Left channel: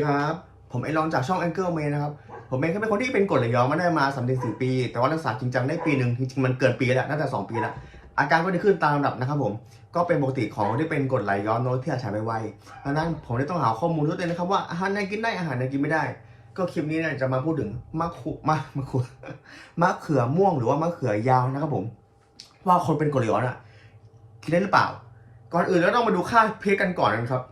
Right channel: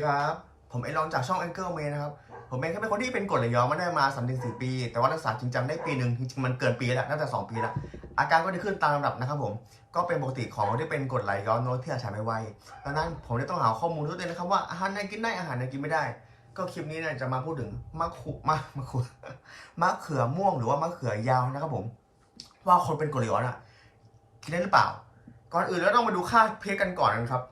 ดีครับ ผมไอรอนจากช่อง Angle May นะครับ ผมเองก็เป็นคนที่เป็นกรดไหลย้อนมาได้มา3ามถึงสปี แต่ว่ารักษาจริงจังได้ปีหนึ่งจริงๆมันเกินปีแล้วน่าจะ2ปีแล้ว อาการก็ดีขึ้นตามลำดับนะครับผมก็เป็นปกติของที่เป็นกรดไหลย้อนโน้ตที่อาจฉายไปไวดังนั้นผมได้ต้องหาข้อมูลด้วยตัวเองนะครับว่าอาหารไหนกินได้อาหารไหนกินไม่ได้ ก็คลิปนี้เนี่ยจะมาพูดถึงมะขุมะมะขุมะเขือม่วงหรือว่ามะเขือยาวนะครับผม ว่าคนเป็นกรดไหลย้อนอะกินได้หรือเปล่า ก่อนอื่นเราต้องมาดูค่าเพชกันก่อนนะครับ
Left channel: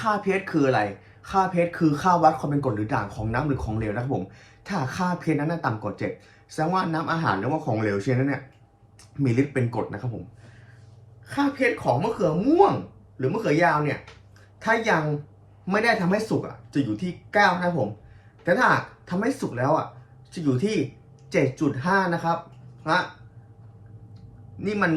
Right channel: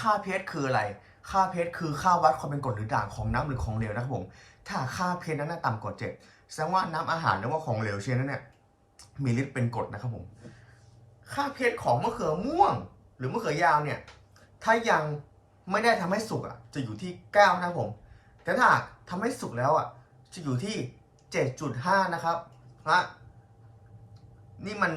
ค่าเพชคืออะไร ค่าเพชคือค่าวัดความเป็นกรดหรือด่างของน้ำหรือของเหลวนะครับผม ถ้าค่าเพชนั้นต่ำกว่าเจ็ดแสดงว่าน้ำอาหารหรือว่าของเหลวเช่นนั้นเนี่ยมีฤทธิ์เป็นกรดนะครับผม ค่าเพชของมะเขือม่วง หรือมะเขือยาวเนี่ย ถ้ายังไม่ได้ทำให้สุกอะ จะอยู่ที่เก้านะครับผม แต่ถ้าหากทำให้สุกแล้วอะ จะอยู่ที่เจ็ดจุดห้านะครับนะนี่มัน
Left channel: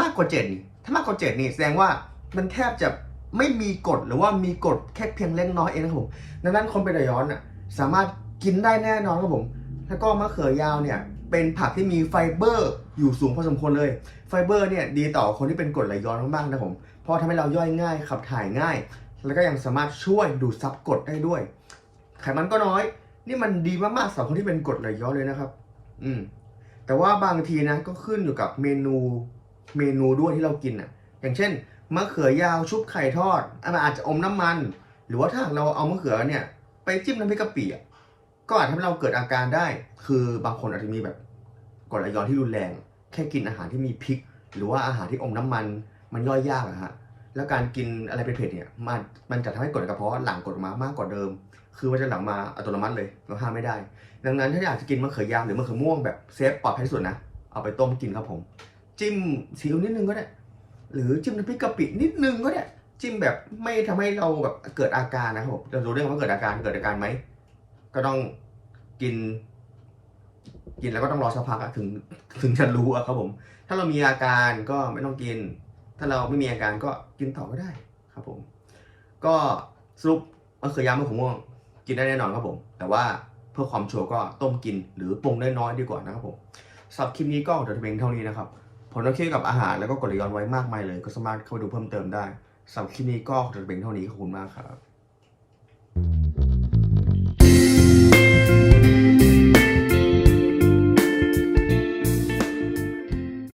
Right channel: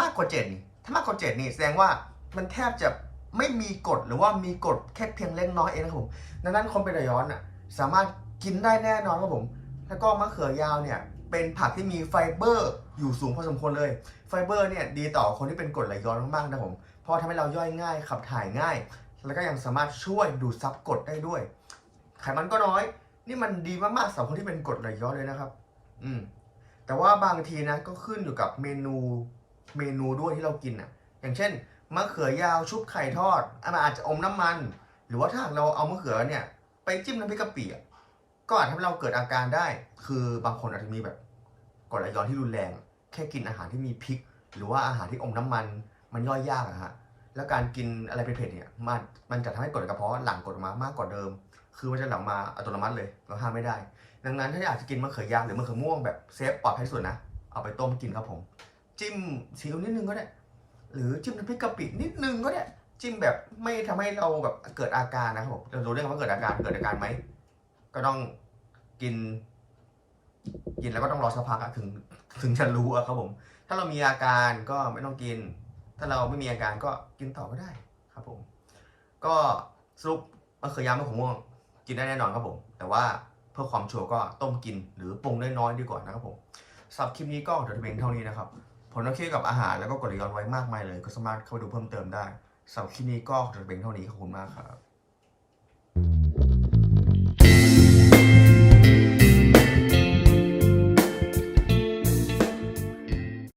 มากกว่าเจ็ดถ้ามากกว่าเจ็ดนี่แสดงว่ามันแทบจะ ไม่มีกรดหรือว่ามีกรดแค่เพียงเล็กน้อยเองนะครับผมดังนั้นคนเป็นไหลย้อนอะสามารถกินได้แน่นอนครับผม แล้วก็มะเขือยาวเนี่ยเป็นผักที่มีไฟเบอร์อยู่สูงพอสมควรเลย ไฟเบอร์เนี่ยดีต่อคนที่เป็นกรดไหลย้อนมากๆนะผม เพราะทำให้เราย่อยง่ายขับถ่ายง่าย แล้วก็ยังสามารถช่วยดูดซับกรดได้ด้วย ไขมันก็น้อย นี่มันดีมากๆสำหรับคนที่เป็นกรดไหลย้อนเลยนะครับ อืม แต่ว่าบางทีนะก็ขึ้นอยู่กับเมนูเมนูด้วยที่เรากินอะ อย่างเช่น มะเขือยาวชุบไข่ทอดอันอาจจะอมน้ำมัน หรือว่าถ้าเราเอามะเขือเนี่ย ไปจิ้มน้ำพริกกะปิอะก็อาจทำให้เราเกิดอาการได้ คือบางคนอาจจะมีแบบกรดไหลย้อนที่รุนแรง แค่กินอาหารที่มีพริก หรือว่าอาหารที่อมน้ำมันมันย่อยยากอะฮะแล้วการกินอะไรเผ็ดเนี่ยมันมันจะทำให้กรดกระเพาะหลั่งกรดออกมามากกว่าเดิม คือมันจะหลั่งมาอัตโนมัติเลยเราห้ามไม่ได้ ดังนั้นถ้าอยากจะกินมะเขือยาวหรือมะเขือม่วงแบบเซฟปลอดภัยที่สุดนะเอาไปต้มกินครับผม จิ้มซีอิ๊วนิดนึงก็ได้ หรือจิ้มน้ำพริกกะปินิดนึงก็ได้จิ้มแบบไม่ทำให้เราแบบเกิดอาการนะครับผมจะรู้ได้ว่าเกิดอาการเกิดอาการไหมก็ต้องกิน กินแล้วก็ต้องรอสักพักอะถึงถึงจะรู้อะครับผม ถ้าเรามีอาการก็ไม่ต้องกิน ถ้าเราไม่มีอาการก็กินต่อก็ได้ครับผม ก็สรุปมะเขือยาวมะขือม่วง กินได้แน่นอนครับผม แต่ว่าเพื่อความชัวร์ก็ต้มกินหรือปรุงน้อยๆดีกว่านะครับผมสำหรับคลิปนี้ก็เดี๋ยวจะเป็นเท่านี้นะครับ ผมต้องเคี่ยวกับอาหารแล้วก็กดไหลย้อนไว้มากมายเลย ก็สามารถเข้าไปดูเพิ่มเติมได้สำหรับคลิปนี้ก็จะเป็นเท่านี้ขอบคุณมากครับ